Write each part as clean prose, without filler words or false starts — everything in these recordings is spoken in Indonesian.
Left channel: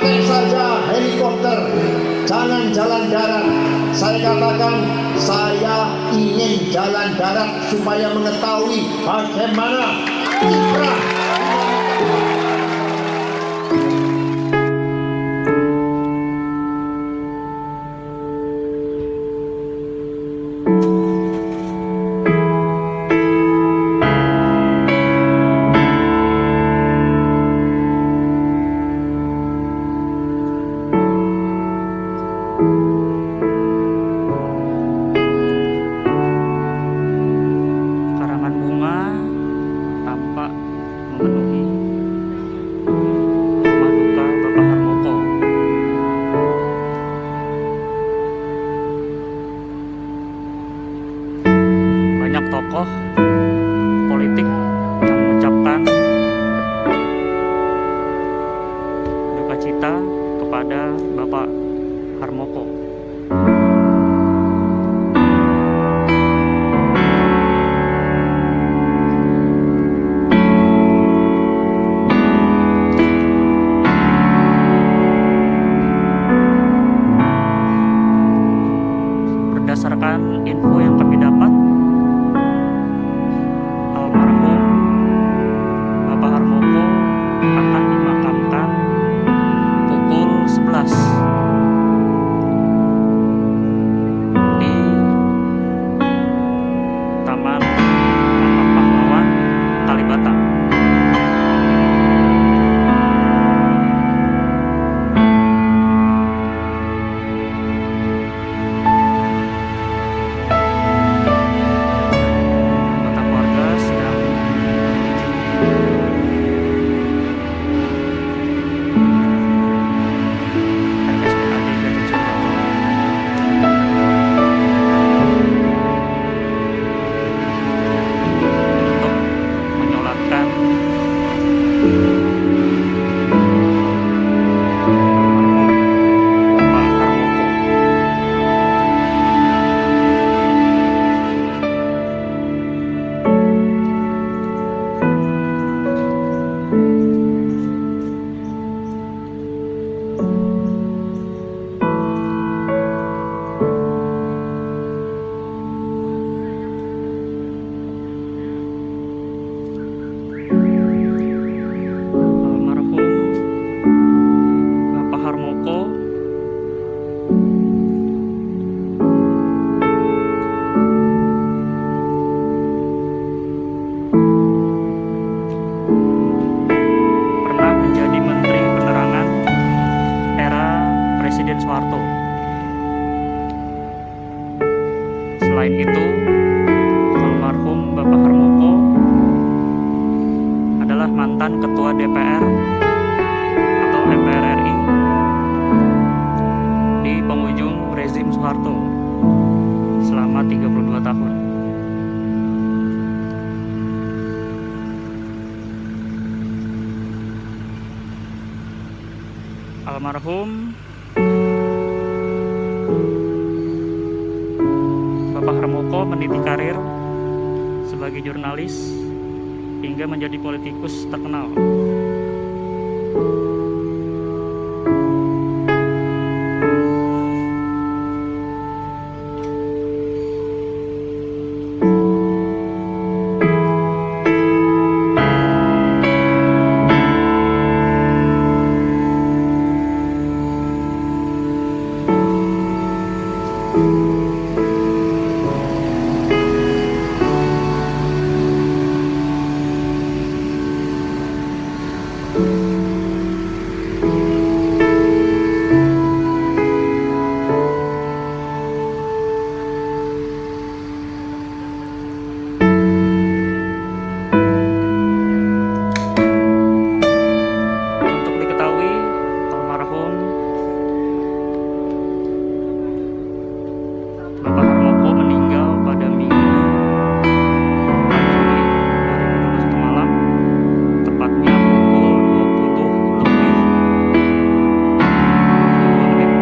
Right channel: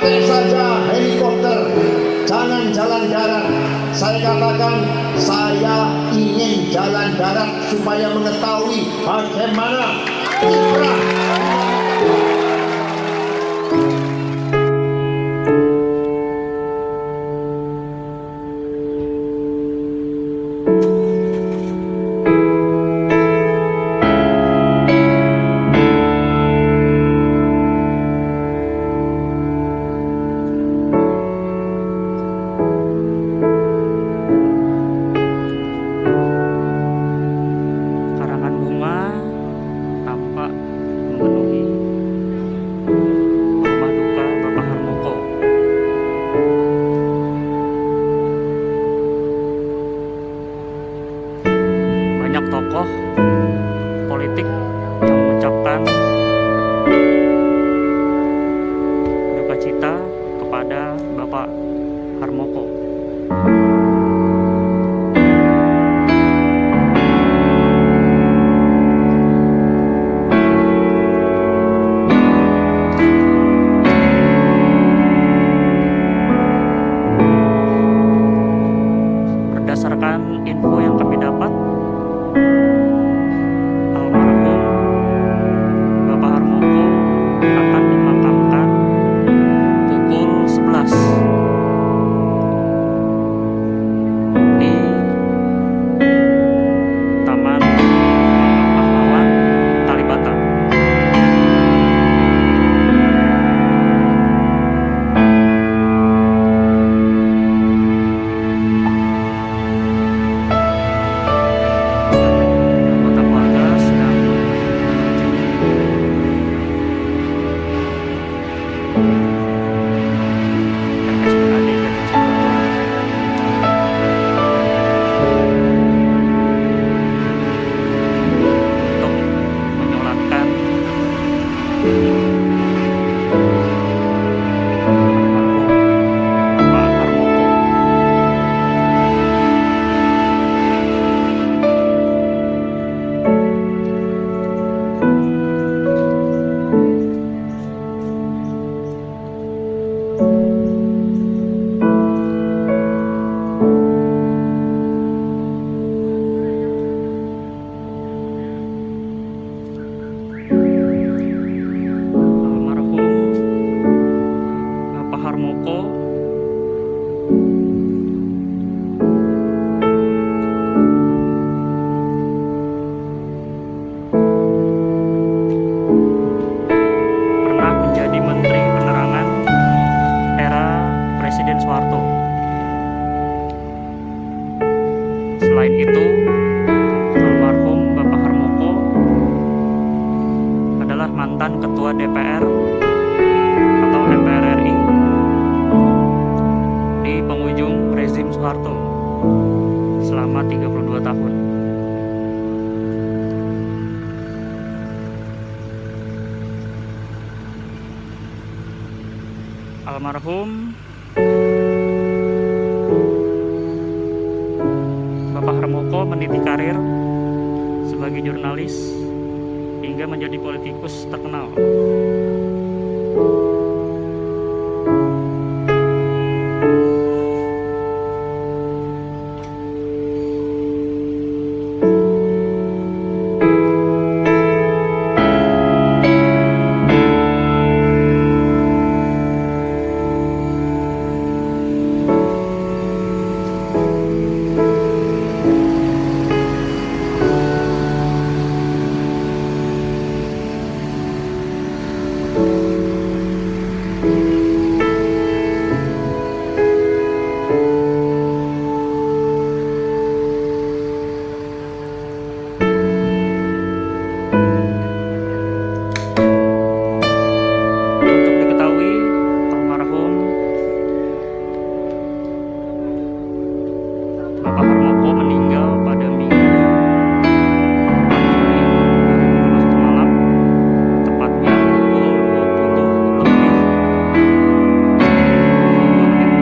pakai saja helikopter, jangan jalan darat. Saya katakan saya ingin jalan darat supaya mengetahui bagaimana kiprah. Tampak memenuhi rumah duka Bapak Harmoko. Banyak tokoh politik yang mengucapkan duka cita kepada Bapak Harmoko. Berdasarkan info yang kami dapat, almarhum Bapak Harmoko akan dimakamkan pukul 11 di Taman Makam Pahlawan Kalibata. Harmoko pernah menjadi Menteri Penerangan era Presiden Soeharto. Selain itu, almarhum Bapak Harmoko adalah mantan Ketua DPR atau MPR RI di penghujung rezim Soeharto selama 32 tahun. Almarhum Bapak Harmoko meniti karir sebagai jurnalis hingga menjadi politikus terkenal. Almarhum Bapak Harmoko meninggal pada Minggu 4 Juli 2021 malam, tepatnya pukul 20 lebih 22 menit.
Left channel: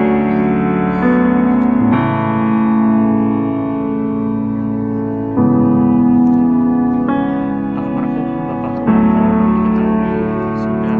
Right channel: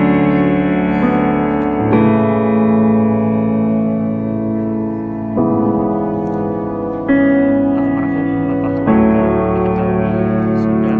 Almarhum Bapak Harmoko diketahui sudah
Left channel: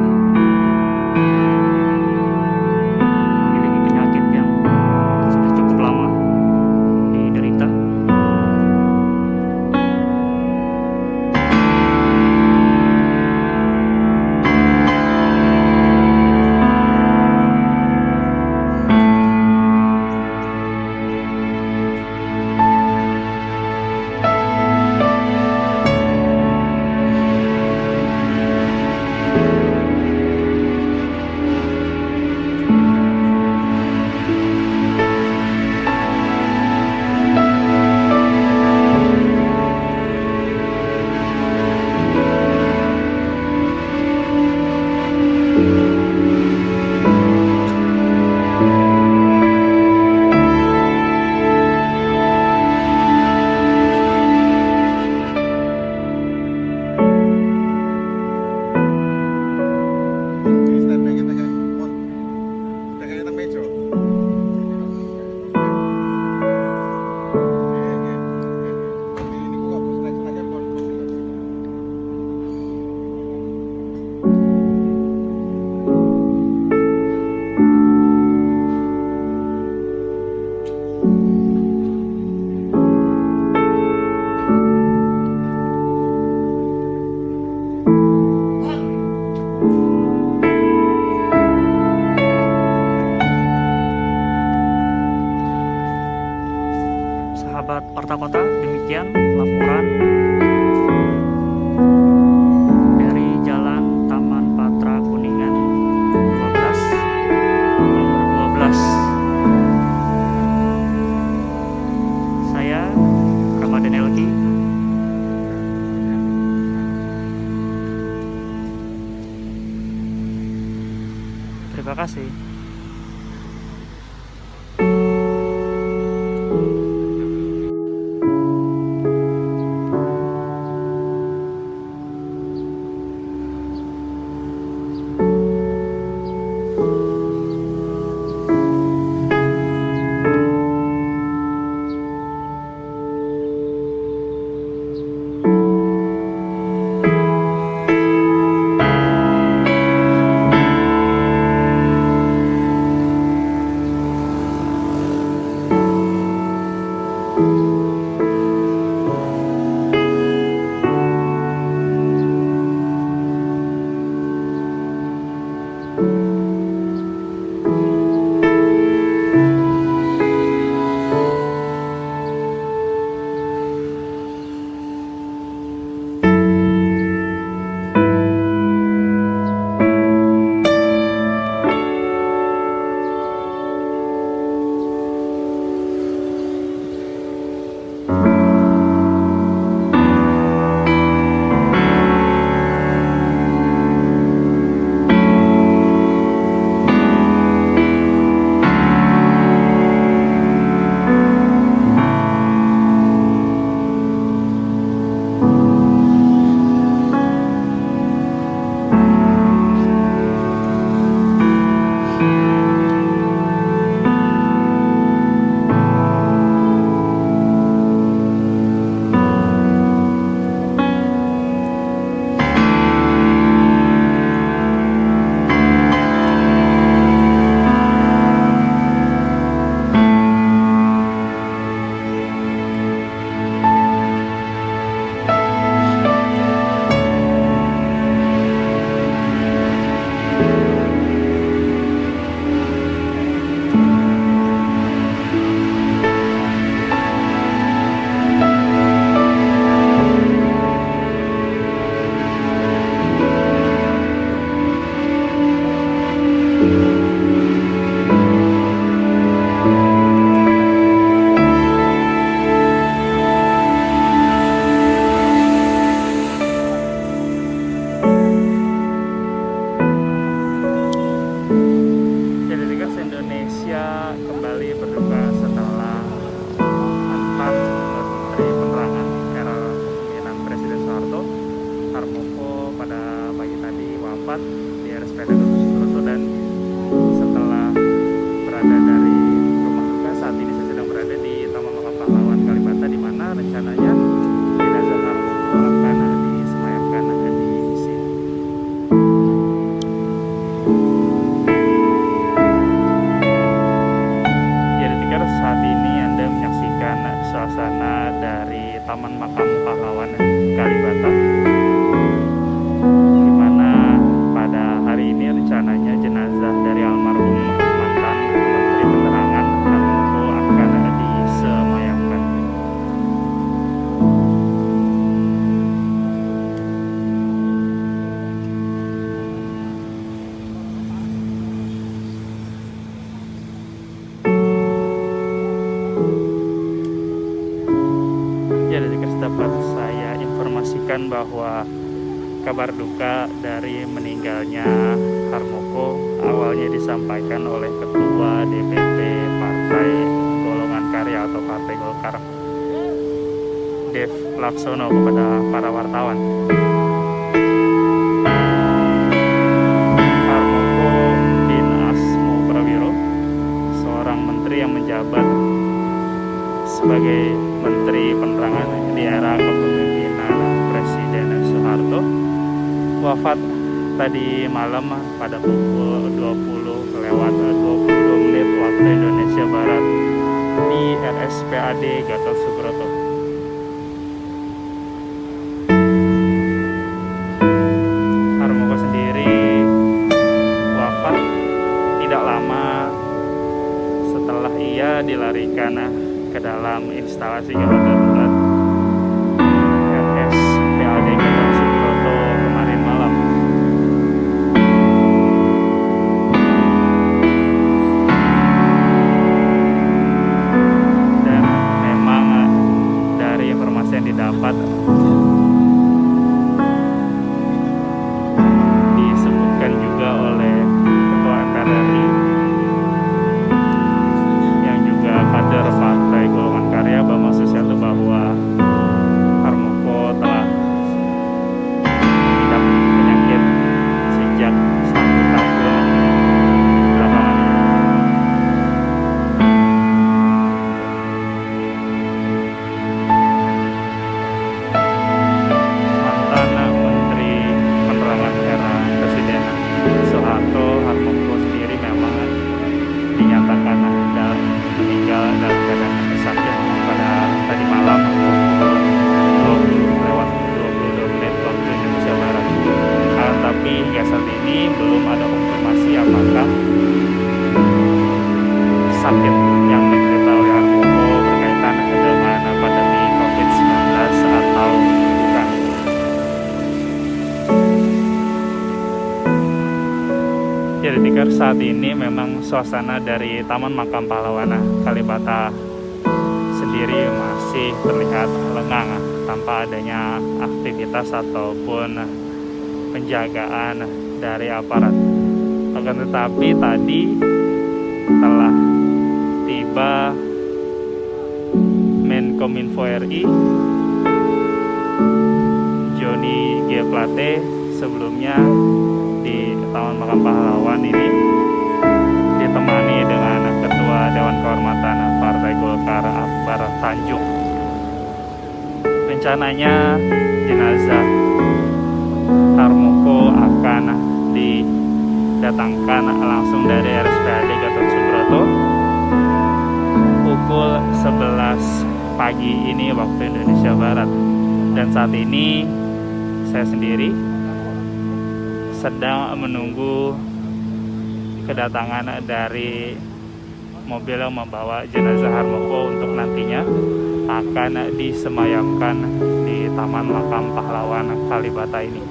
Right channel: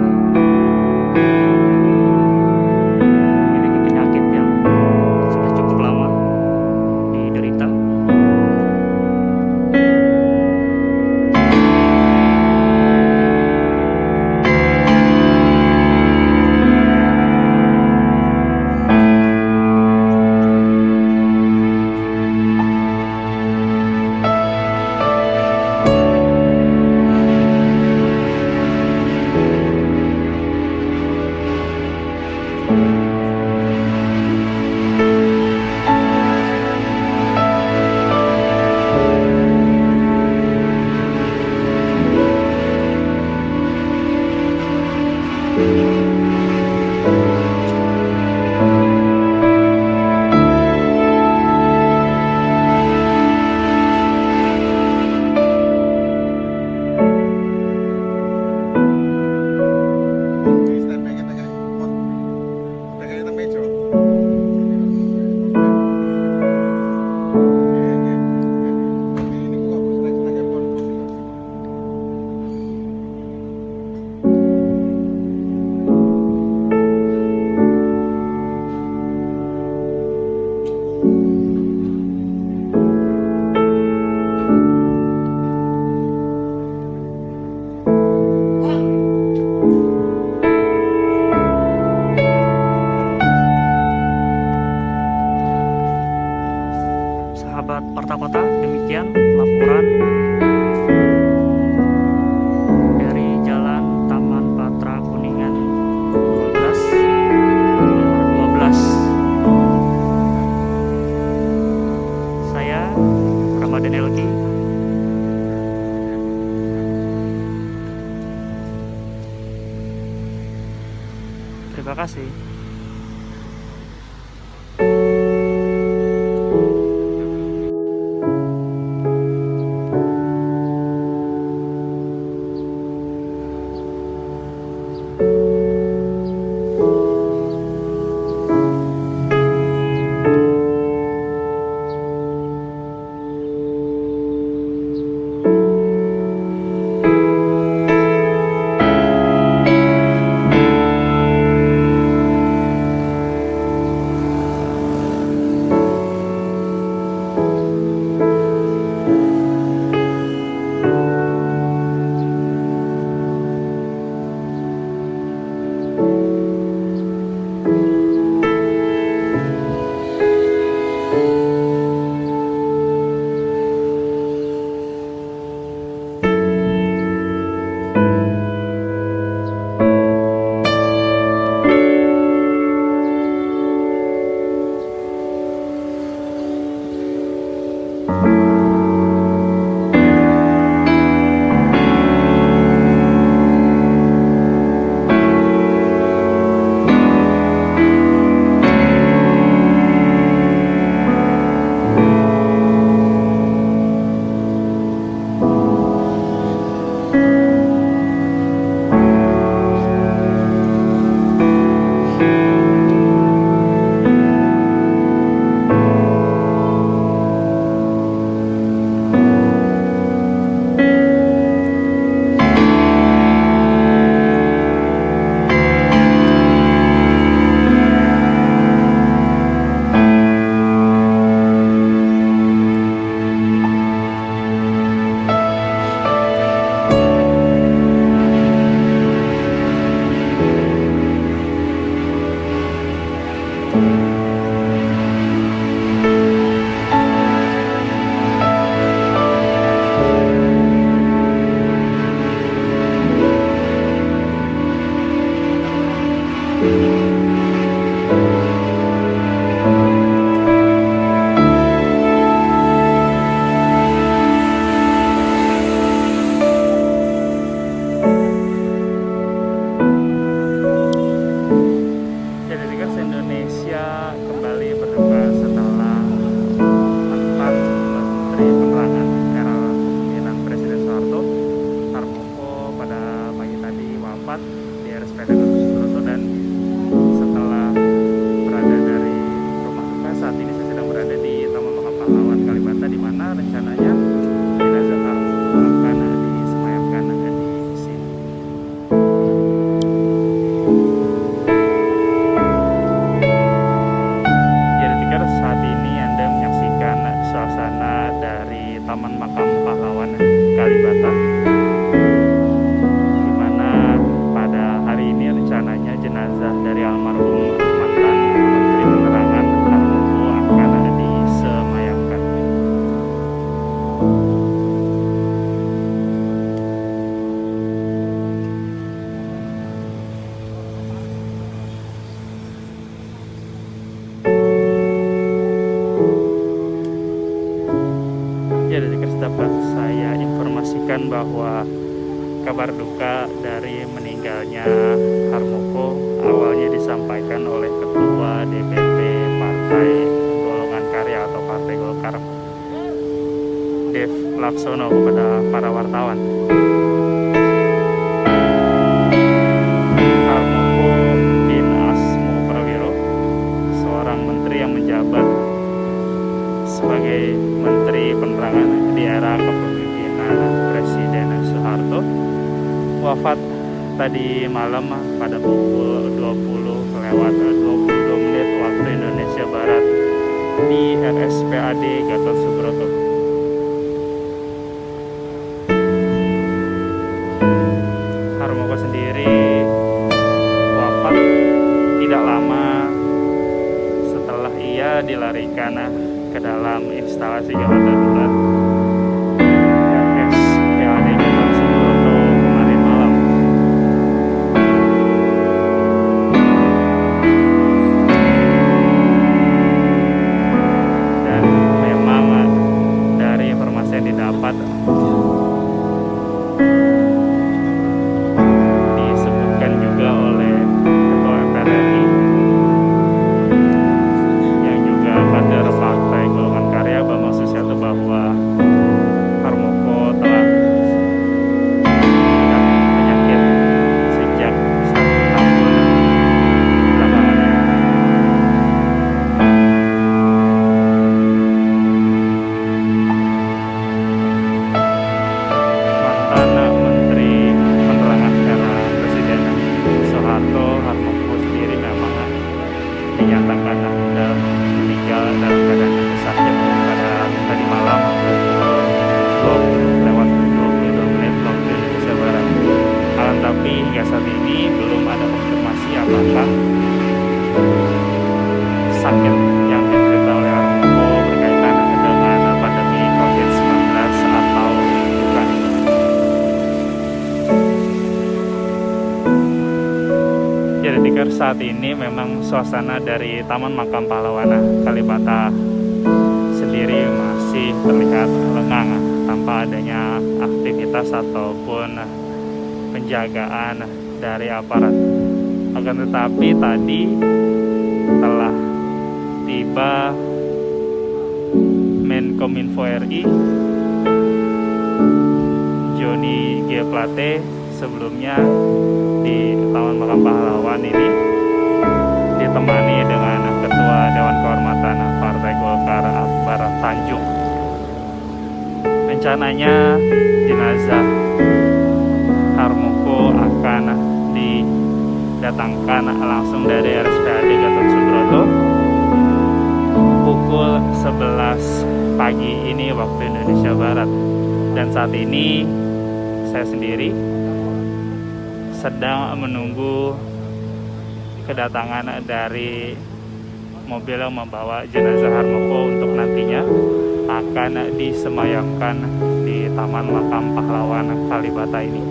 meja. Ini kok seneng-senengnya pon. Sahabat Warta Kota, demikian laporan dari Jalan Taman Patra Kuningan 12 nomor 12. Saya Ramadan Elki. Terima kasih. Indonesia kembali berduka setelah mantan Menteri Penerangan era kepemimpinan Presiden Soeharto, Harmoko, pada pagi tadi wafat di RSPAD Gatot Subroto. Dan setelah berada dari rumah duka, saat ini saya sedang berada di Taman Makam Pahlawan Kalibata, di mana rencananya jenazah Harmoko akan disemayamkan di sini. Saat ini Anda menyaksikan suasana dari Taman Makam Pahlawan Kalibata, di mana pada hari ini rencananya jenazah dari almarhum mantan Menteri Penerangan Harmoko akan disemayamkan. Ya, dari dapat saya informasikan bahwa kabar duka dari meninggalnya Harmoko awalnya disampaikan oleh Ketua DPP Partai Golongan Karya atau Partai Golkar, Dev Laksono, kepada para wartawan. Harmoko bin Asmo Prawiro seorang menteri yang menjabat sebagai Menteri Penerangan di era kepemimpinan Presiden Soeharto, wafat tadi malam pada pukul 20:22 waktu Indonesia Barat di RSPAD Gatot Subroto. Harmoko sendiri wafat tidak lama setelah ia dilarikan ke dalam instalasi gawat darurat RSPAD Gatot Subroto kemarin malam. Dan memang dari informasi yang didapat disebutkan juga oleh Ketua MPR RI yang juga kader Partai Golongan Karya Bambang Susatyo bahwa Harmoko telah mengidap penyakit sejak 1 tahun belakangan ini. Mantan Menteri Penerangan era Presiden Soeharto, Harmoko sendiri memang dinyatakan meninggal dalam keadaan sakit pada tadi malam pukul 20:22 waktu Indonesia Barat. Akan tapi hingga saat ini belum ada konfirmasi apakah sakit yang diderita oleh Harmoko berkaitan dengan pandemi COVID-19 atau bukan. Jadi tikar saat ini memang suasana dari Taman Makam Pahlawan Kalibata sendiri masih terlihat lengang tanpa adanya aktivitas ataupun penjagaan dari aparat. Akan tetapi tadi telah tiba Menkominfo RI Johnny G. Plate sebelumnya di Taman Makam Pahlawan ini ditemani dengan Ketua Dewan Kehormatan Partai Golkar Akbar Tanjung. Rencananya jenazah Harmoko akan didatangkan langsung dari RSPAD Gatot Subroto pukul 11 pagi ini waktu Indonesia Barat. Dan saat ini saya sendiri sedang menunggu kedatangan dari mobil yang membawa jenazah Harmoko untuk nantinya akan disemayamkan di Taman Makam Pahlawan Kalibata ini.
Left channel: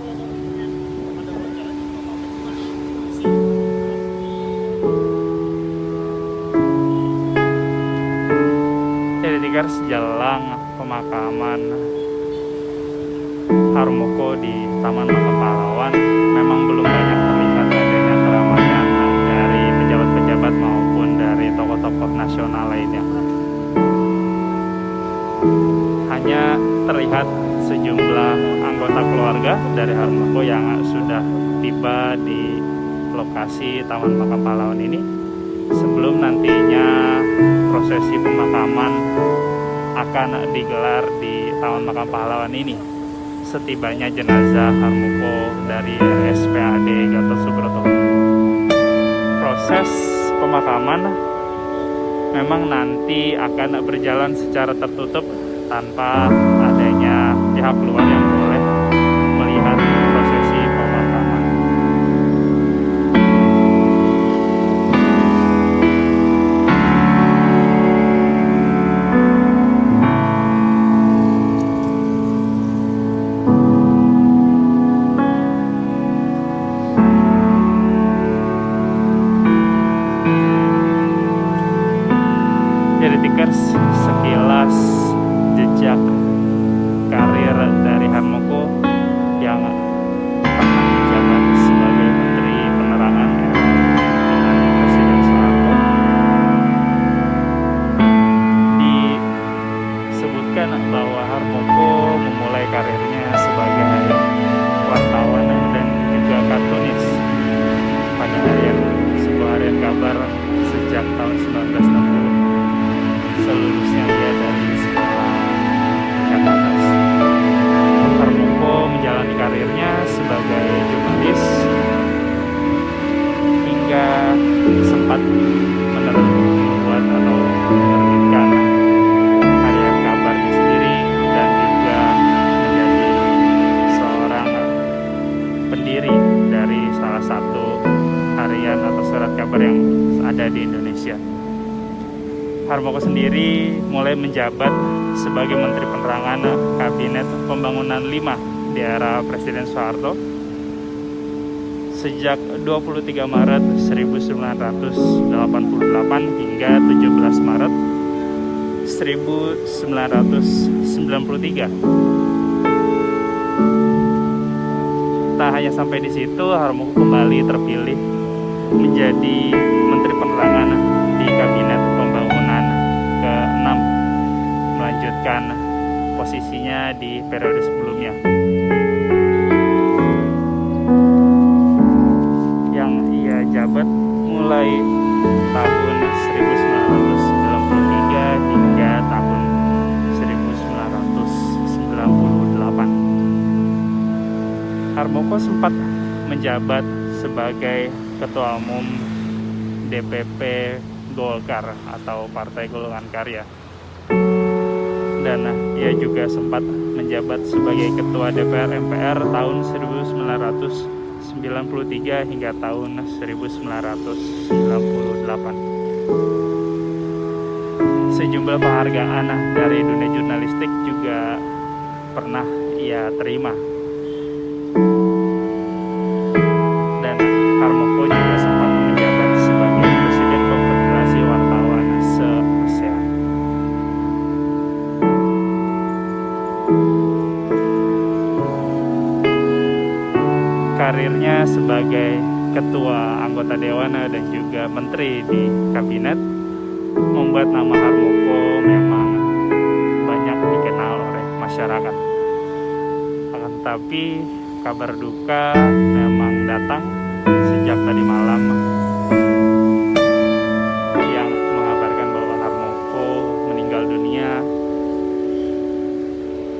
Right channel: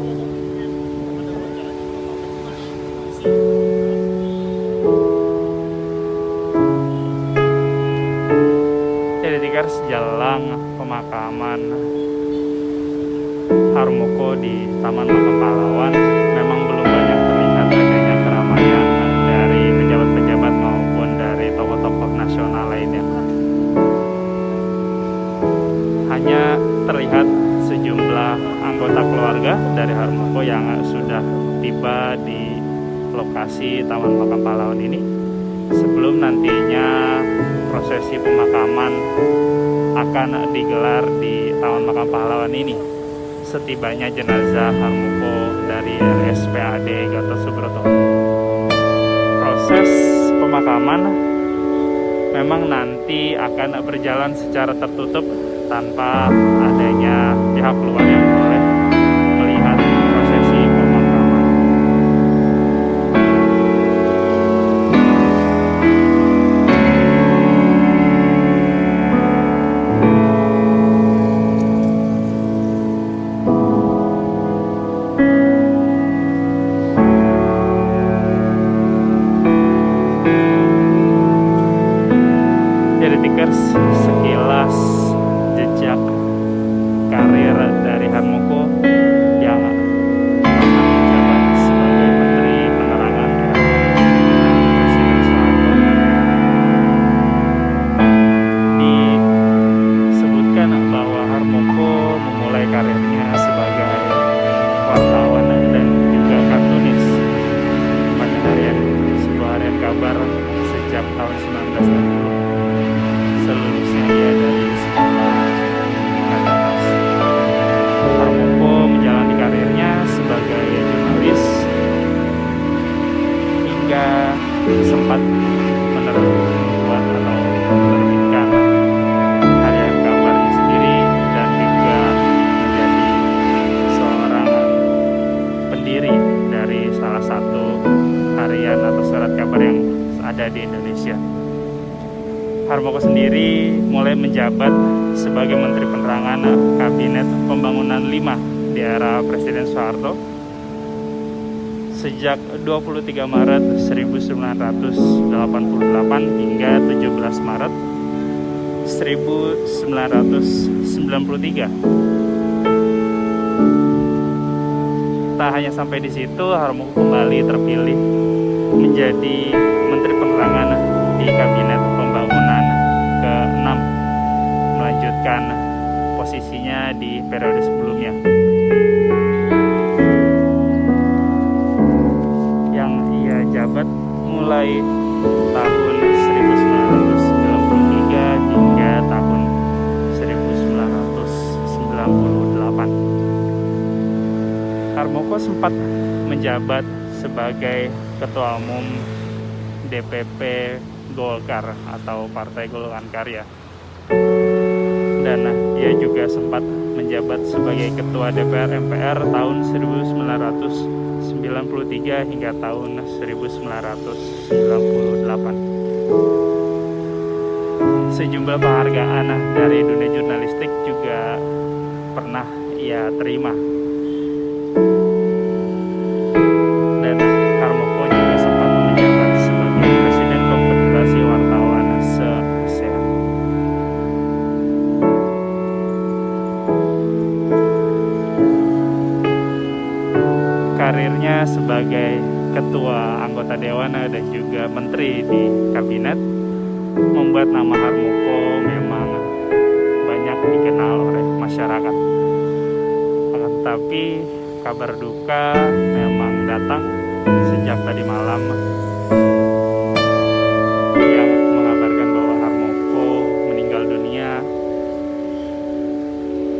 Jadi tikar sejalan pemakaman Harmoko di Taman Makam Pahlawan memang belum banyak terlihat adanya keramaian dari pejabat-pejabat maupun dari tokoh-tokoh nasional lainnya. Hanya terlihat sejumlah anggota keluarga dari Harmoko yang sudah tiba di lokasi Taman Makam Pahlawan ini sebelum nantinya prosesi pemakaman akan digelar di Taman Makam Pahlawan ini. Setibanya jenazah Harmoko dari RSPAD Gatot Subroto. Proses pemakaman memang nanti akan berjalan secara tertutup tanpa adanya pihak luar yang boleh melihat prosesi pemakaman. Jadi tikers, sekilas jejak karir dari Harmoko yang pernah menjabat sebagai Menteri Penerangan era kepemimpinan Presiden Soeharto. Disebutkan bahwa Harmoko memulai karirnya sebagai wartawan dan juga kartunis pada sebuah harian kabar sejak tahun 1960. Selulusnya ia dari sekolah tingkat atas. Harmoko menjalani karirnya sebagai jurnalis hingga sempat membuat atau menerbitkan harian kabarnya sendiri dan juga menjadi seorang pendiri dari salah satu harian atau surat kabar yang ada di Indonesia. Harmoko sendiri mulai menjabat sebagai Menteri Penerangan Kabinet Pembangunan 5 di era Presiden Soeharto sejak 23 Maret 1988 hingga 17 Maret 1993. Tak hanya sampai di situ, Harmoko kembali terpilih menjadi Menteri Penerangan di Kabinet Pembangunan ke-6, melanjutkan posisinya di periode sebelumnya yang ia jabat mulai tahun 1993 hingga tahun 1998. Harmoko sempat menjabat sebagai Ketua Umum DPP Golkar atau Partai Golongan Karya, dan ia juga sempat menjabat sebagai Ketua DPR MPR tahun 1993 hingga tahun 1998. Sejumlah penghargaan dari dunia jurnalistik juga pernah ia terima. Dan Harmoko juga sempat menjabat sebagai Presiden Konfederasi Wartawan se-ASEAN. Karirnya sebagai Ketua Anggota Dewan dan juga Menteri di Kabinet membuat nama Harmoko memang banyak dikenal oleh masyarakat. Akan tetapi kabar duka memang datang sejak tadi malam yang mengabarkan bahwa Harmoko meninggal dunia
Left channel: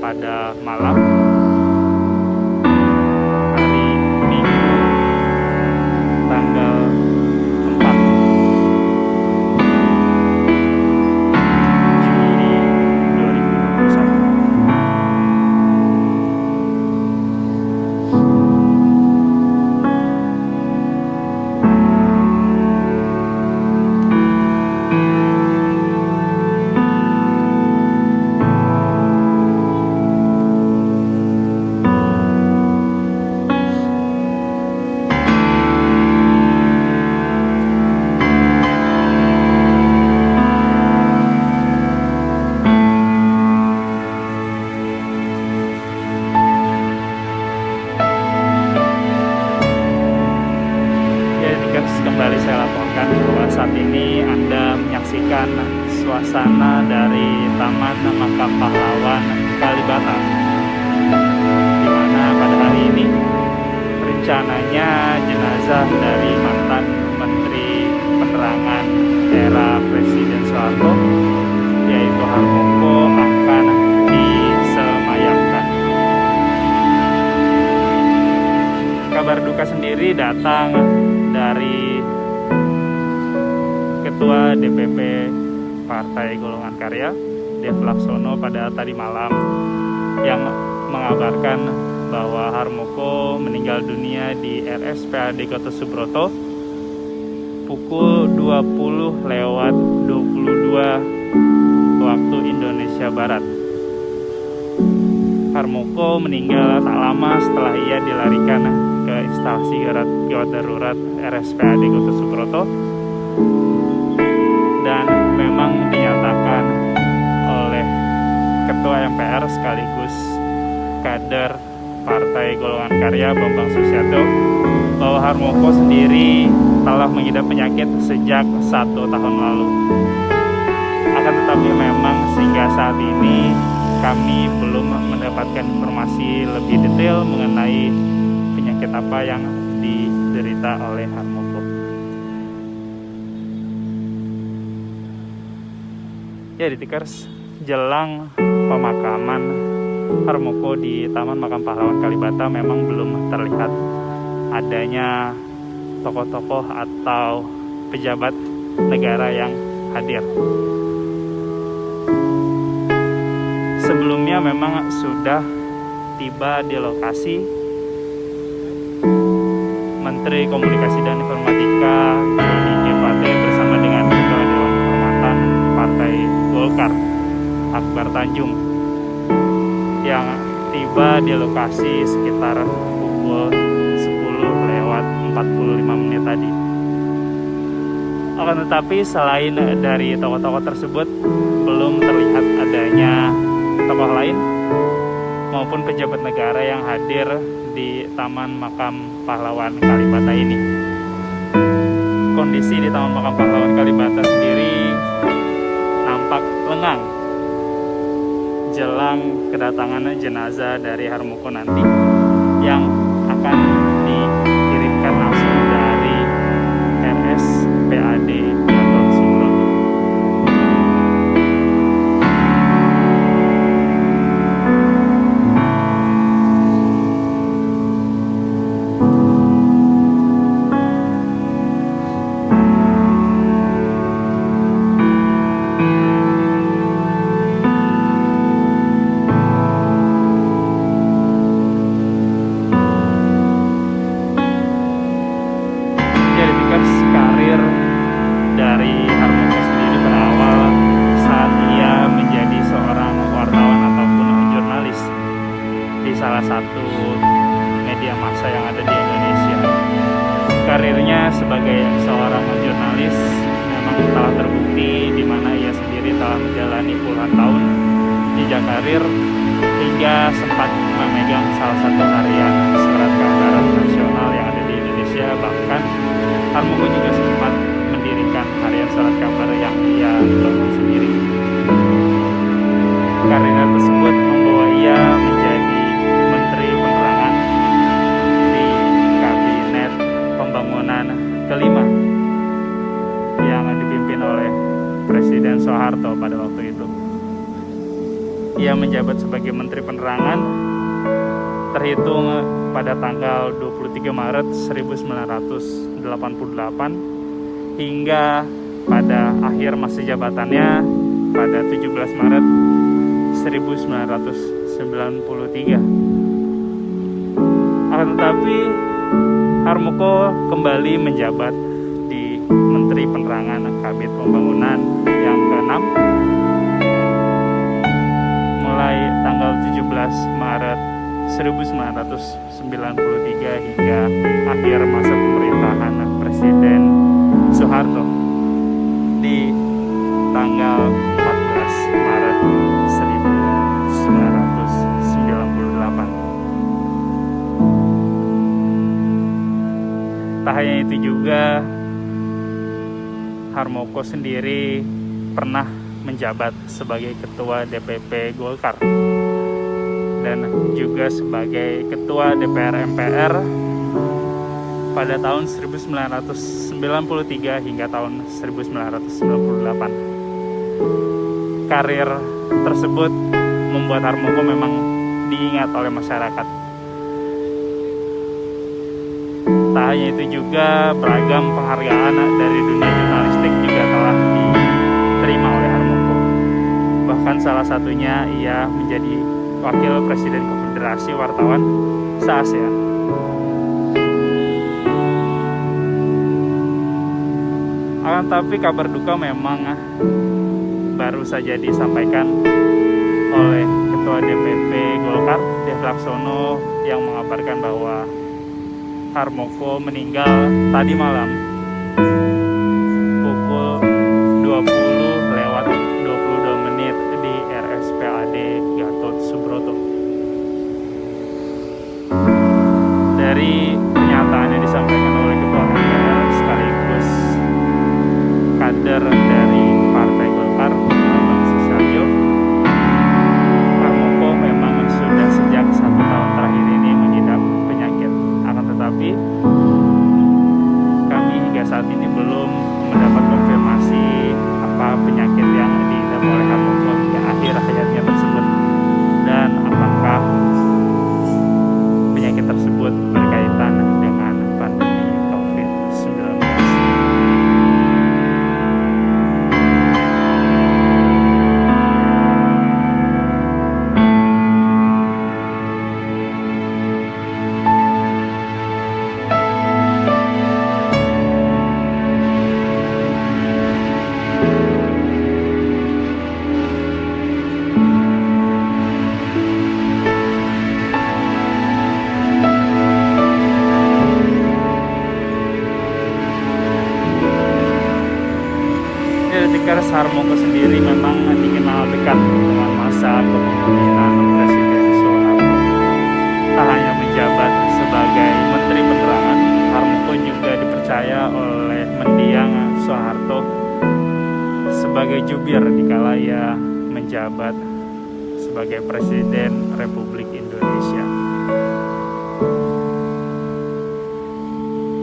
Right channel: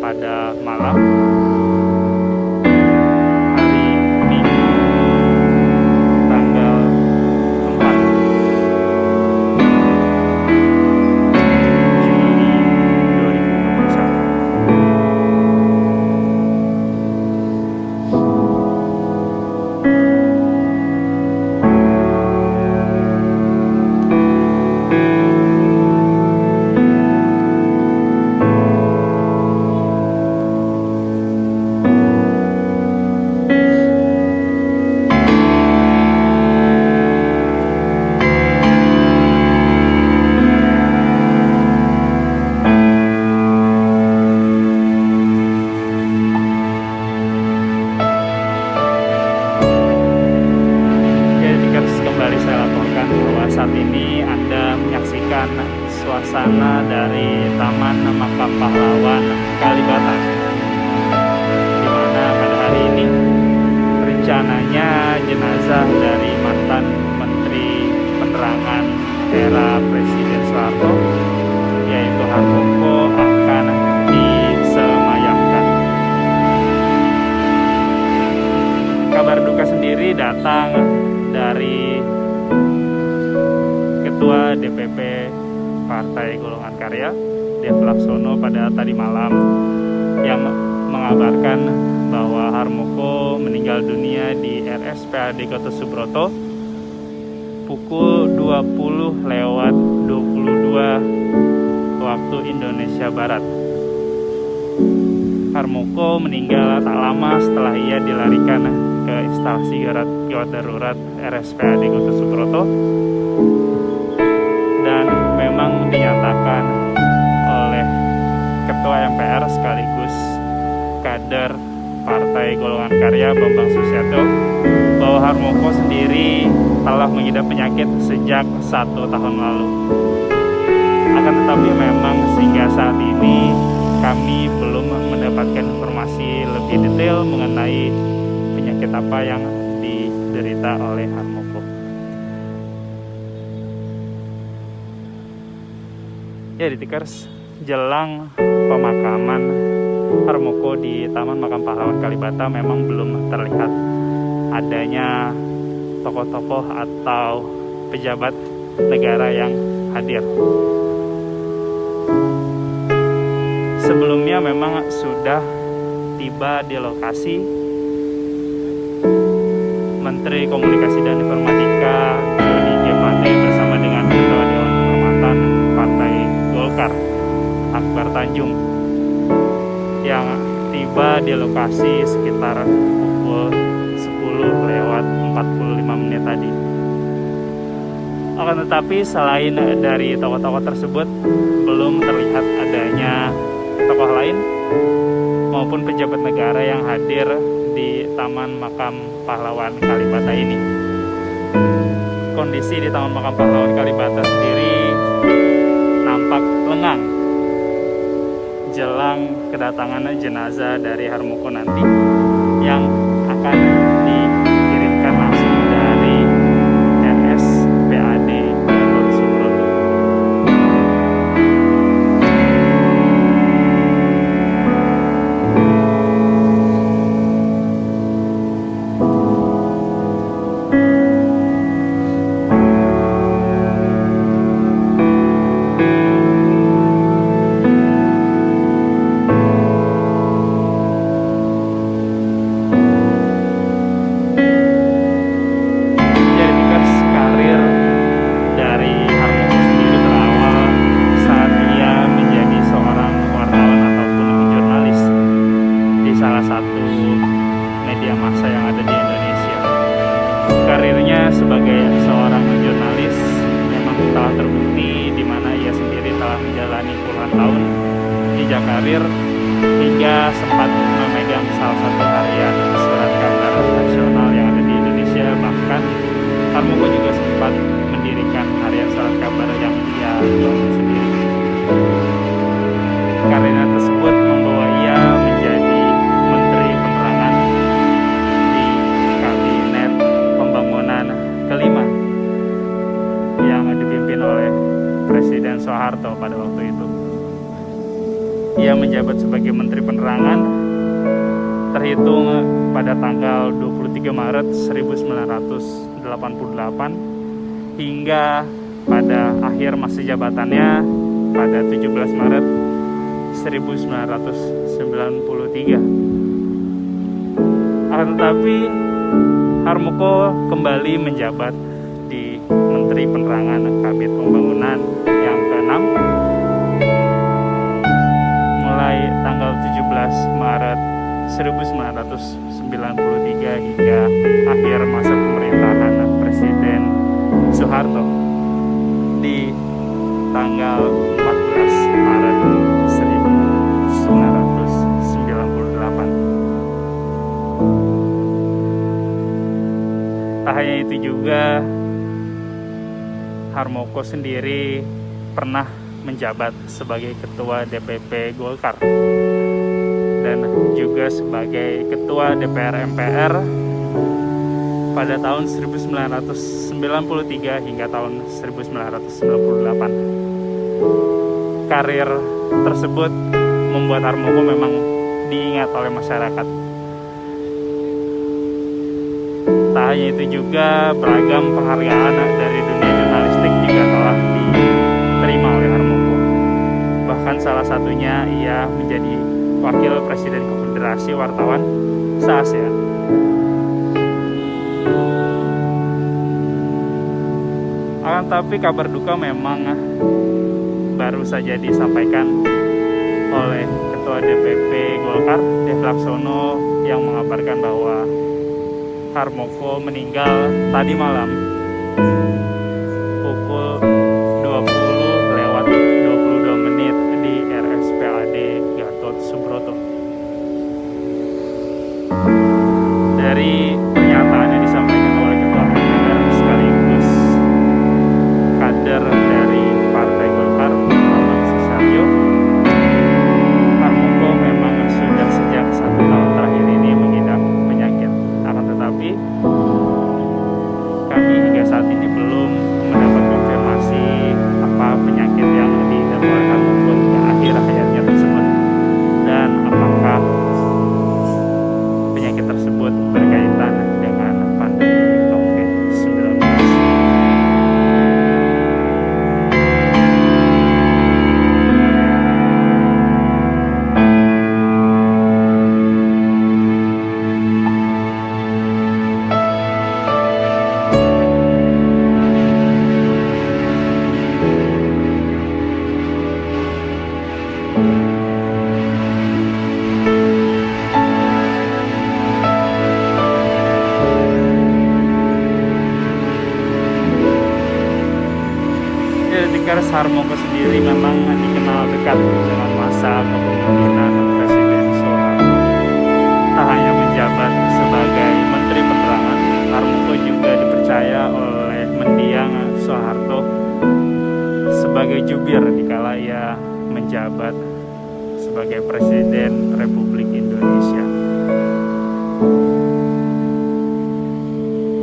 pada malam hari Minggu tanggal 4 Juli 2021. Kembali saya laporkan bahwa saat ini Anda menyaksikan suasana dari Taman Makam Pahlawan Kalibata, di mana pada hari ini rencananya jenazah dari mantan Menteri Penerangan era Presiden Soeharto, yaitu Harmoko, akan disemayamkan. Kabar duka sendiri datang dari Ketua DPP Partai Golongan Karya, Dev Laksono, pada tadi malam yang mengabarkan bahwa Harmoko meninggal dunia di RSPAD Gatot Subroto pukul 20:22 waktu Indonesia Barat. Harmoko meninggal tak lama setelah ia dilarikan ke instalasi gawat darurat RSPAD Gatot Subroto, dan memang dinyatakan oleh Ketua MPR sekaligus kader Partai Golongan Karya Bambang Susatyo bahwa Harmoko sendiri telah mengidap penyakit sejak 1 tahun lalu. Akan tetapi memang sehingga saat ini kami belum mendapatkan informasi lebih detail mengenai penyakit apa yang diderita oleh Harmoko. Ya, Detikers, jelang pemakaman Harmoko di Taman Makam Pahlawan Kalibata memang belum terlihat adanya tokoh-tokoh atau pejabat negara yang hadir. Sebelumnya memang sudah tiba di lokasi Menteri Komunikasi dan Informatika Joni G. Plate bersama dengan Ketua Dewan Kehormatan Partai Golkar Akbar Tanjung yang tiba di lokasi sekitar pukul 10:45 tadi. Akan tetapi selain dari tokoh-tokoh tersebut, belum terlihat adanya tokoh lain maupun pejabat negara yang hadir di Taman Makam Pahlawan Kalibata ini. Kondisi di Taman Makam Pahlawan Kalibata sendiri nampak lengang jelang kedatangan jenazah dari Harmoko nanti yang akan dikirimkan langsung dari RSPAD Gatot Subroto. Karir dari Harmoko sendiri berawal saat ia menjadi seorang wartawan ataupun jurnalis di salah satu media massa yang ada di Indonesia. Karirnya sebagai seorang jurnalis memang telah terbukti, di mana ia sendiri telah menjalani puluhan tahun jejak karir hingga sempat memegang salah satu harian surat kabar nasional yang ada di Indonesia. Bahkan Harmoko juga sempat mendirikan harian surat kabar yang ia bangun sendiri. Karirnya tersebut membawa ia menjadi Menteri Penerangan di Kabinet Pembangunan kelima yang dipimpin oleh Presiden Soeharto pada waktu itu. Ia menjabat sebagai Menteri Penerangan terhitung pada tanggal 23 Maret 1988 hingga pada akhir masa jabatannya pada 17 Maret 1993. Akan tetapi Harmoko kembali menjabat di Menteri Penerangan Kabinet Pembangunan yang ke-6 mulai tanggal 17 Maret 1993 hingga akhir masa pemerintahan Presiden Soeharto di tanggal 14 Maret 1998. Tak hanya itu juga, Harmoko sendiri pernah menjabat sebagai Ketua DPP Golkar dan juga sebagai Ketua DPR MPR pada tahun 1993 hingga tahun 1998. Karir tersebut membuat Harmoko memang diingat oleh masyarakat. Tak hanya itu juga, beragam penghargaan dari dunia jurnalistik juga telah diterima oleh Harmoko. Bahkan salah satunya ia menjadi Wakil Presiden Konfederasi Wartawan se-ASEAN. Akan tapi kabar duka memang baru saja disampaikan oleh Ketua DPP Golkar, Dev Laksono, yang mengabarkan bahwa Harmoko meninggal tadi malam pukul 20:22 di RSPAD Gatot Subroto. Dari pernyataan yang disampaikan oleh Ketua MPR sekaligus kader dari Partai Golkar, Bambang Susatyo, Harmoko memang sudah sejak 1 tahun terakhir ini mengidap penyakit. Akan tetapi kami hingga saat ini belum mendapat konfirmasi apa penyakit yang diidap oleh Harmoko hingga akhir hayatnya tersebut, dan apakah penyakit tersebut berkaitan dengan pandemi COVID-19. Detikers, Harmoko sendiri memang dikenal dekat dengan masa kepemimpinan Presiden Soeharto. Tak hanya menjabat sebagai Menteri Penerangan, Harmoko juga dipercaya oleh mendiang Soeharto sebagai jubir dikala ia menjabat sebagai Presiden Republik Indonesia.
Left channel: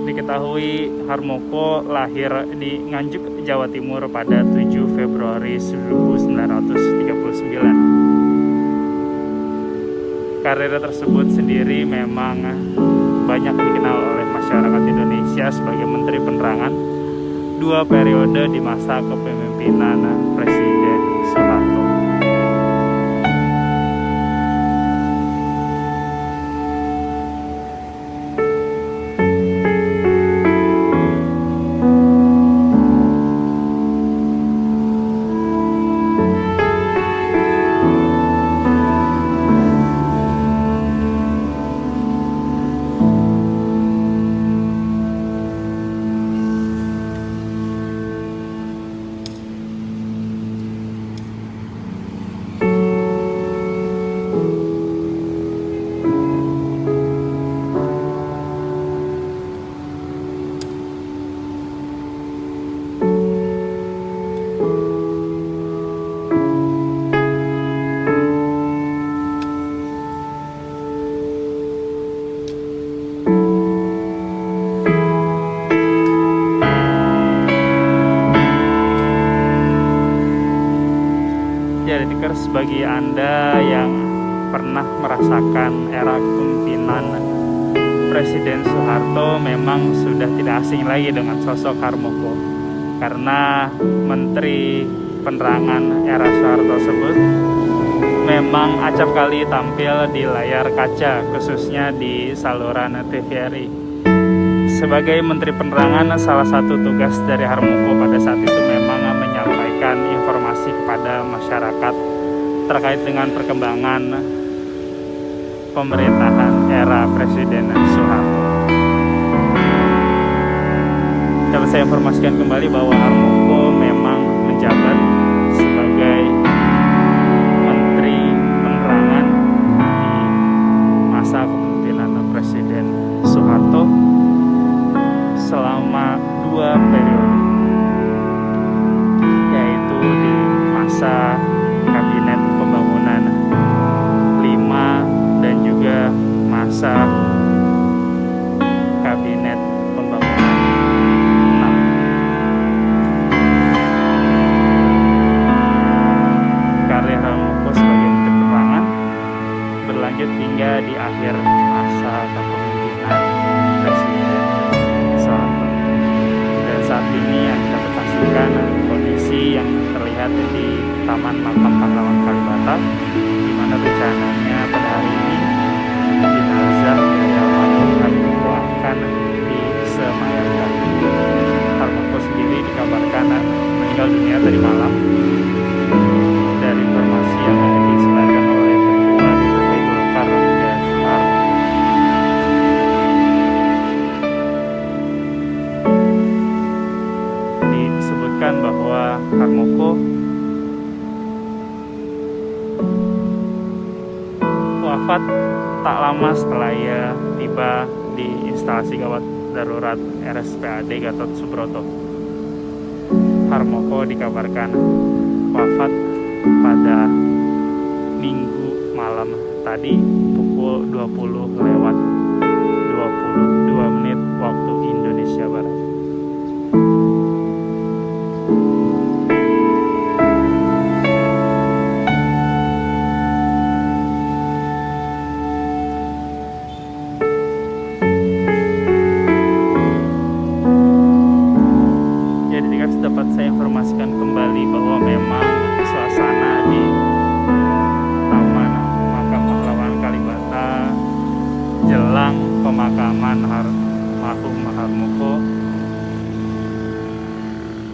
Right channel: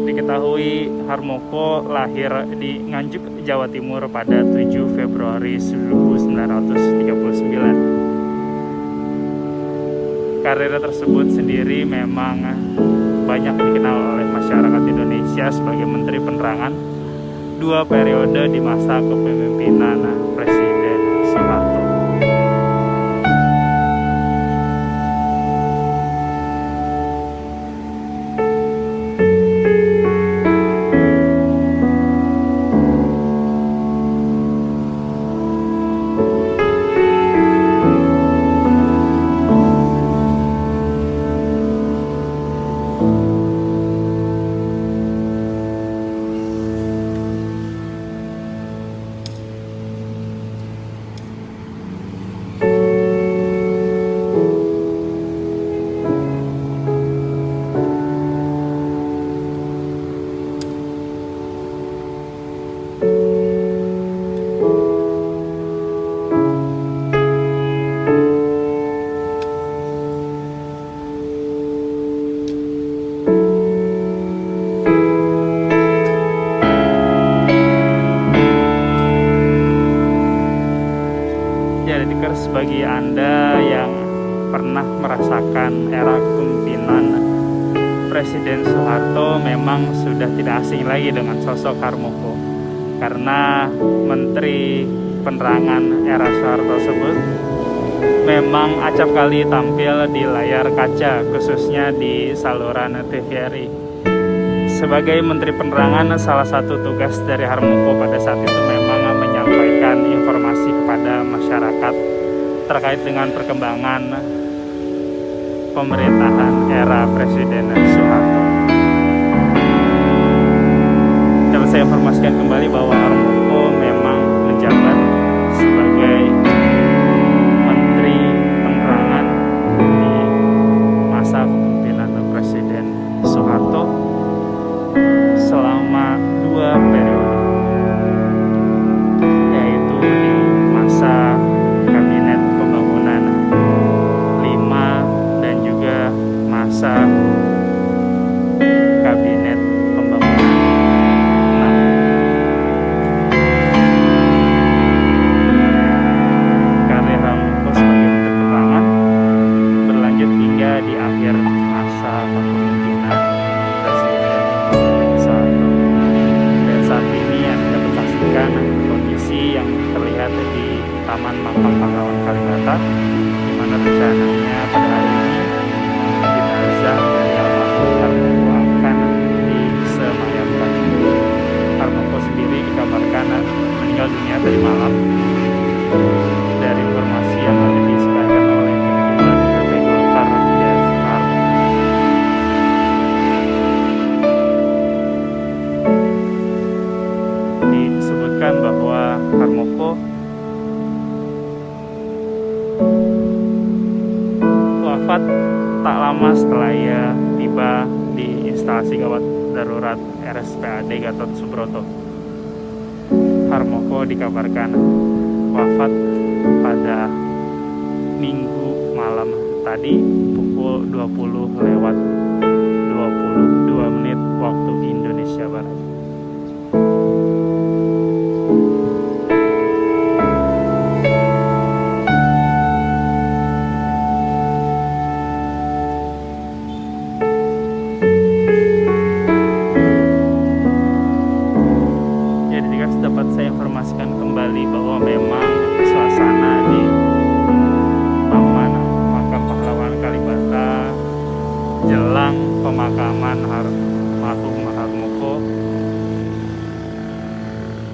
Diketahui Harmoko lahir di Nganjuk, Jawa Timur pada 7 Februari 1939. Karir tersebut sendiri memang banyak dikenal oleh masyarakat Indonesia sebagai Menteri Penerangan 2 periode di masa kepemimpinan Presiden Soeharto. Ya, Detikers, bagi Anda yang pernah merasakan era kepemimpinan Presiden Soeharto memang sudah tidak asing lagi dengan sosok Harmoko, karena Menteri Penerangan era Soeharto tersebut memang acap kali tampil di layar kaca, khususnya di saluran TVRI. Sebagai Menteri Penerangan, salah satu tugas dari Harmoko pada saat itu memang menyampaikan informasi kepada masyarakat terkait dengan perkembangan pemerintahan era Presiden Soeharto. Dapat saya informasikan kembali bahwa Harmoko memang menjabat sebagai Menteri Penerangan di masa kepemimpinan Presiden Soeharto selama 2 periode, yaitu di masa Kabinet Pembangunan 5 dan juga masa Kabinet Pembangunan 6. Karir Harmoko sebagai Menteri Penerangan berlanjut hingga di akhir masa kepemimpinan Presiden Soeharto. Dan saat ini Anda dapat saksikan kondisi yang terlihat di Taman Makam Pahlawan Kalibata, di mana rencananya pada hari ini jenazah dari almarhum Harmoko akan disemayamkan. Harmoko sendiri dikabarkan meninggal dunia tadi malam. Dari informasi yang disebarkan oleh Ketua DPP Golkar Dev Harmoko. Disebutkan bahwa Harmoko wafat tak lama setelah ia tiba di instalasi gawat darurat RSPAD Gatot Subroto. Harmoko dikabarkan wafat pada Minggu malam tadi pukul 20:22 waktu Indonesia Barat. Detikers, dapat saya informasikan kembali bahwa memang suasana di Taman Makam Pahlawan Kalibata jelang pemakaman almarhum Harmoko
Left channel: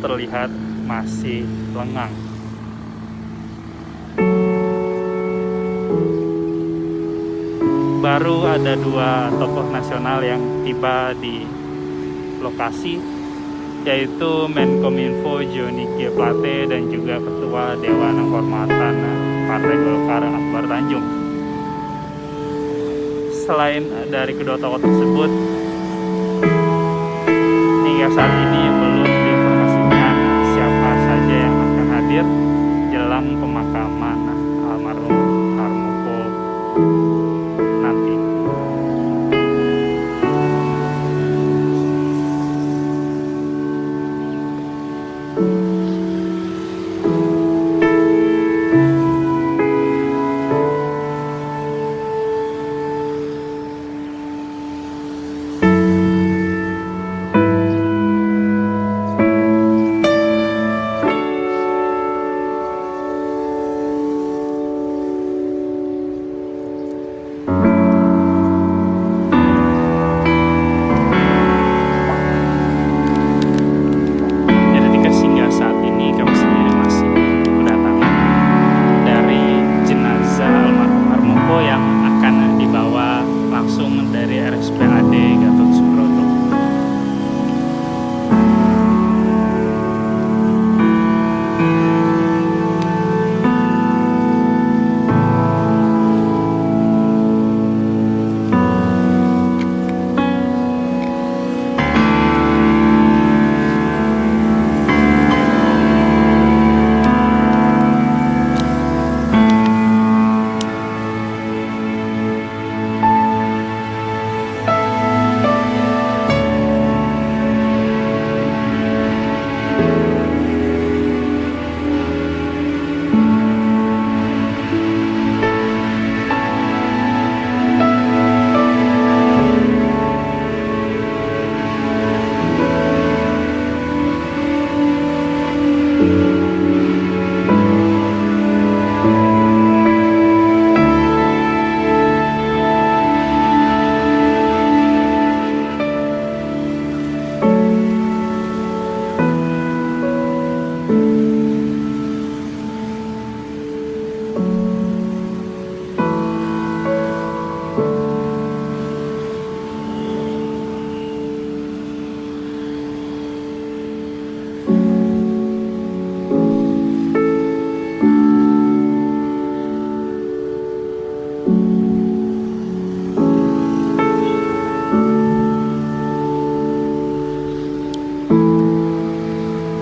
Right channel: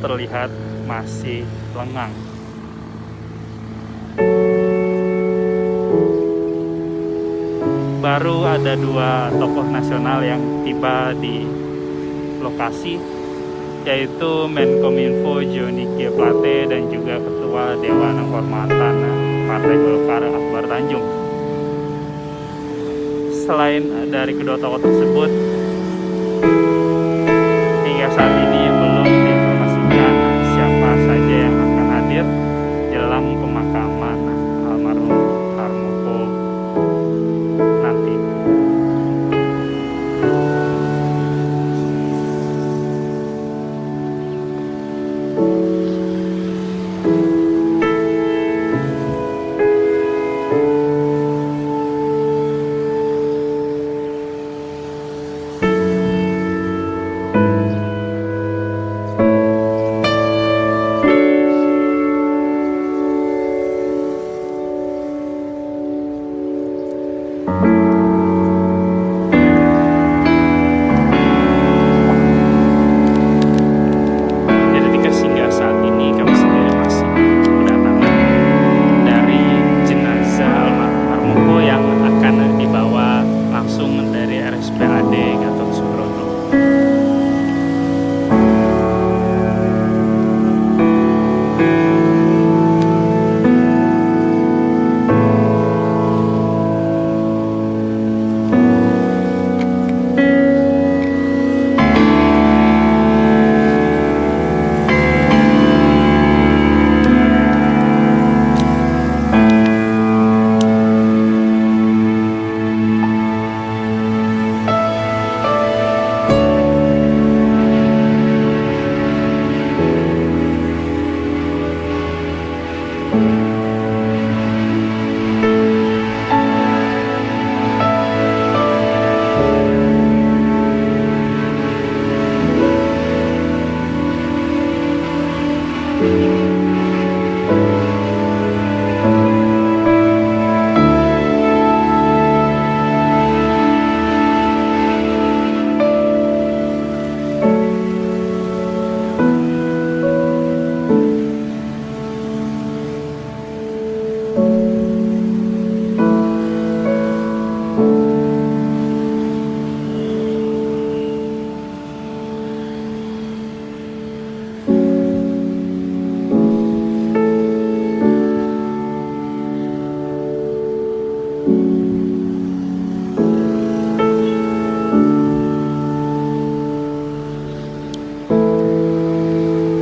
terlihat masih lengang. Baru ada 2 tokoh nasional yang tiba di lokasi, yaitu Menkominfo Johnny G. Plate dan juga Ketua Dewan Kehormatan Partai Golkar Akbar Tanjung. Selain dari kedua tokoh tersebut, hingga saat ini belum diinformasikan siapa saja yang akan hadir jelang pemakaman almarhum Harmoko nanti. Hingga saat ini kami sendiri masih kedatangan dari jenazah almarhum Harmoko yang akan dibawa langsung dari RSPAD Gatot Subroto.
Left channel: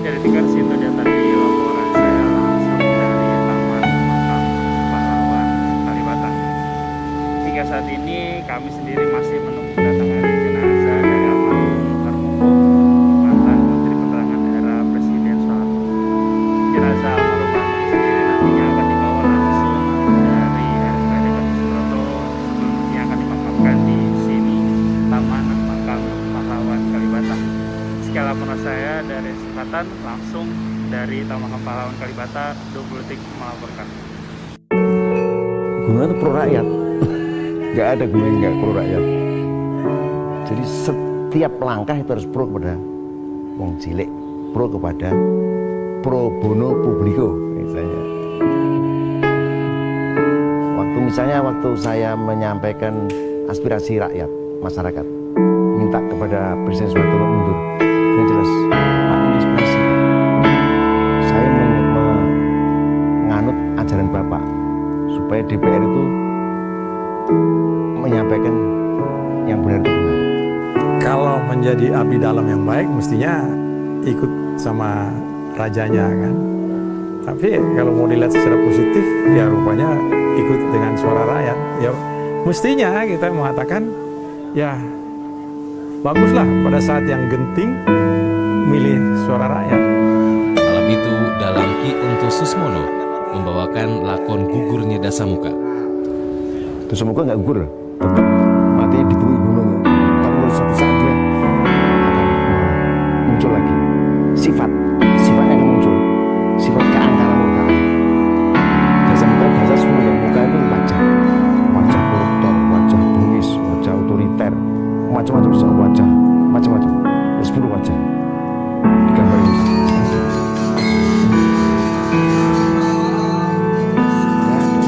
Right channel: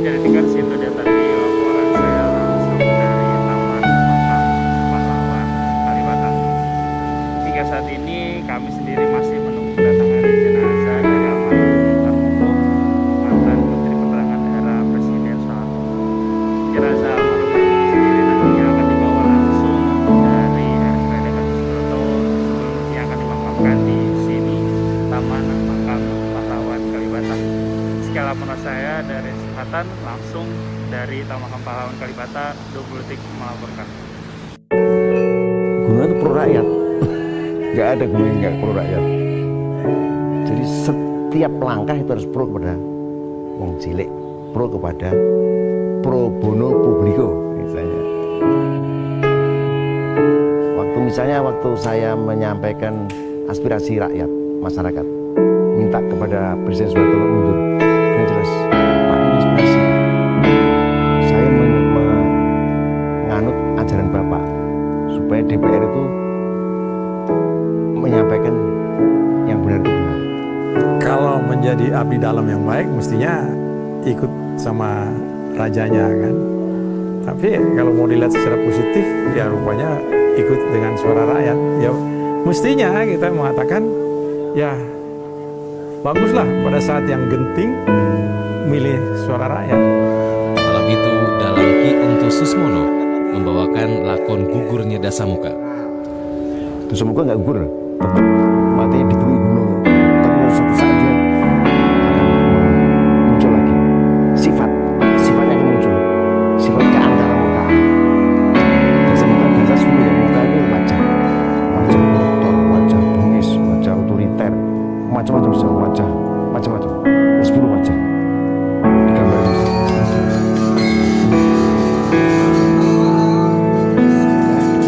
Detikers, itu dia tadi laporan saya langsung dari Taman Makam Pahlawan Kalibata. Hingga saat ini kami sendiri masih menunggu kedatangan jenazah dari almarhum Harmoko, mantan Menteri Penerangan era Presiden Soeharto. Jenazah almarhum Harmoko sendiri nantinya akan dibawa langsung dari RSPAD Gatot Subroto sebelumnya akan dimakamkan di sini Taman Makam Pahlawan Kalibata. Sekian laporan saya dari Selatan, langsung dari Taman Makam Pahlawan Kalibata. 20 Detik melaporkan. Gunung itu pro rakyat, nggak ada gunung yang nggak pro rakyat. Jadi setiap langkah itu harus pro kepada wong cilik, pro kepada pro bono publico misalnya. Waktu saya menyampaikan aspirasi rakyat, masyarakat, minta kepada Presiden Soeharto untuk mundur. Yang jelas, Pak, ini aspirasi. Saya menganut ajaran Bapak supaya DPR itu menyampaikan yang benar itu benar. Kalau menjadi abdi dalam yang baik, mestinya ikut sama rajanya kan. Tapi kalau mau dilihat secara positif, ya rupanya ikut dengan suara rakyat. Ya mestinya kita mengatakan, ya baguslah pada saat yang genting milih suara rakyat. Malam itu dalam Ki Ento Susmono membawakan lakon Gugurnya Dasamuka. Dasamuka nggak gugur, tetap matinya dibunuh gunung. Tapi pada suatu saat dia akan muncul lagi sifat sifat keangkaran murkaan. Dasar murkaan, dasar semua muka itu wajah koruptor, wajah bengis, wajah otoriter, macam-macam bisa wajah, macam-macam. 10 wajah digambar itu.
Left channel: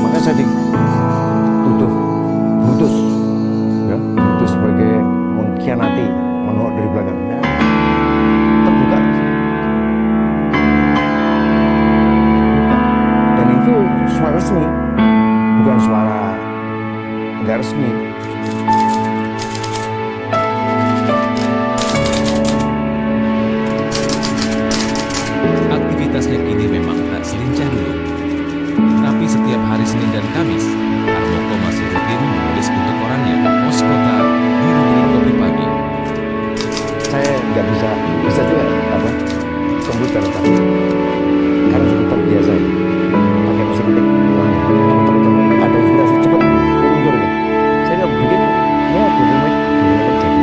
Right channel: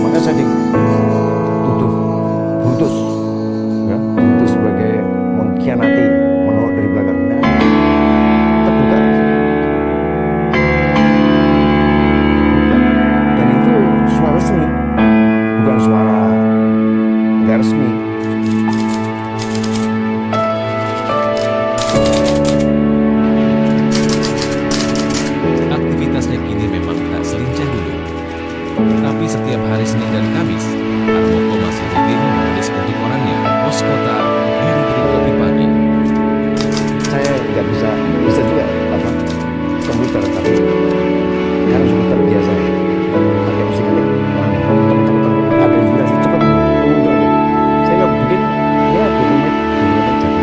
Maka saya dituduh Brutus, ya, Brutus sebagai mengkhianati, menolak dari belakang. Nah, terbuka. Dan itu suara resmi, bukan suara nggak resmi. Aktivitasnya kini memang tak selincah dulu. Tapi setiap hari Senin dan Kamis, Harmoko masih rutin menulis untuk korannya, Pos Kota, di rubrik Kopi Pagi. Saya nggak bisa juga komputer, tapi karena sudah terbiasa ya, pakai mesin ketik lama, teman-teman ada inspirasi cepat muncul ya. Saya nggak bikin ya 20 menit jadi.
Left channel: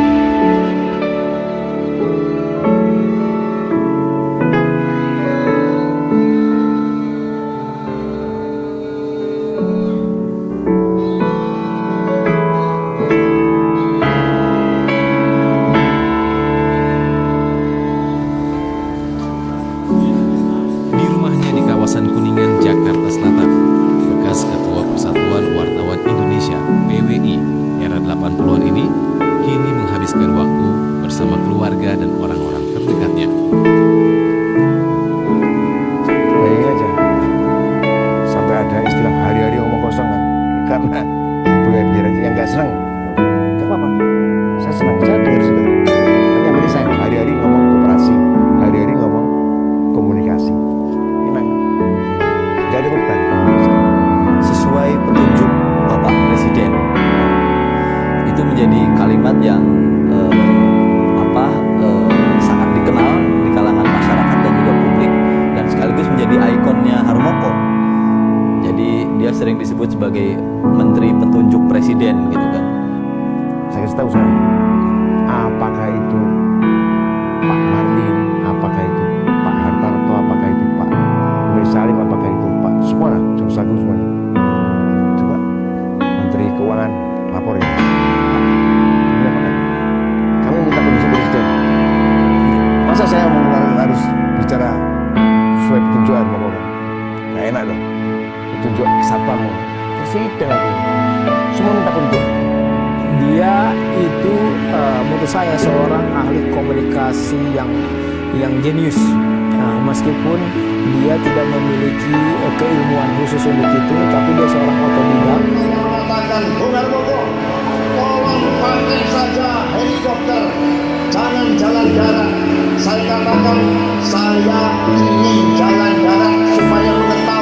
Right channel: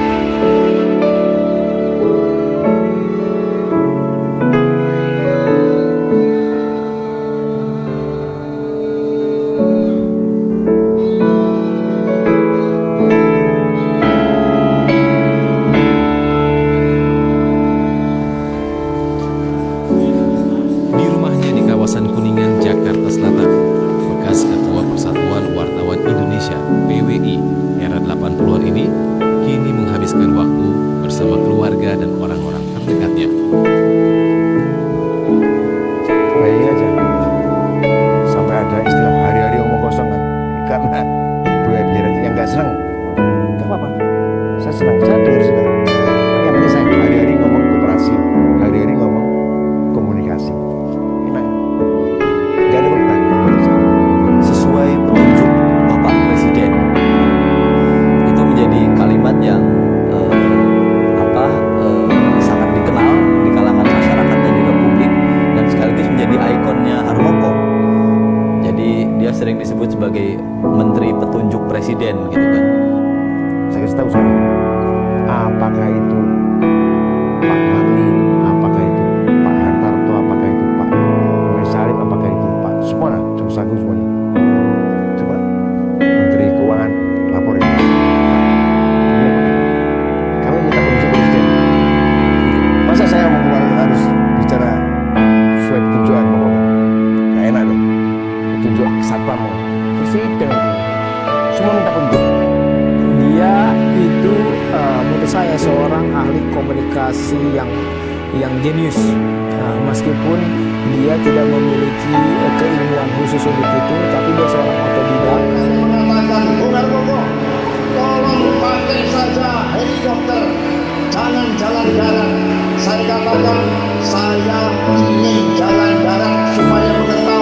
Kawasan Kuningan, Jakarta Selatan, bekas Ketua Persatuan Wartawan Indonesia (PWI) era 80-an ini kini menghabiskan waktu bersama keluarga dan orang-orang terdekatnya. Bayangin aja, sampai ada istilah hari-hari ngomong kosong kan, karena biar aja yang nggak senang, nggak apa-apa. Saya senang, saya dengar juga. Tapi yang penting saya hari-hari ngomong koperasi, hari-hari ngomong komunikasi. Enak. Gak ada beban. Sesuai petunjuk Bapak Presiden, itu menjadi kalimat yang sangat dikenal di kalangan masyarakat dan juga publik, dan sekaligus menjadi ikonnya Harmoko. Jadi dia sering disebut sebagai Menteri Petunjuk Presiden gitu kan. Saya kasih tahu saya, apakah itu Pak Marlin, apakah itu Pak Hartarto, apakah itu Pak Salim, apakah itu Pak Sumona, Joko Agung semuanya. Coba Menteri Keuangan laporin, Pak, ini apakah kami minta petunjuk presiden. Masa saya harus bicara sesuai petunjuk Harmoko? Gak enak dong. Petunjuk satpam, presiden itu semua minta petunjuk. Dia itu menurut saya seorang ahli komunikasi yang jenius. Meskipun dia tidak memiliki keilmuan khusus untuk itu, tapi dia seorang otodidak. Saya mengatakan, Bung Harmoko, tolong pakai saja helikopter, jangan jalan darat. Saya katakan, saya ingin jalan darat supaya mengetahui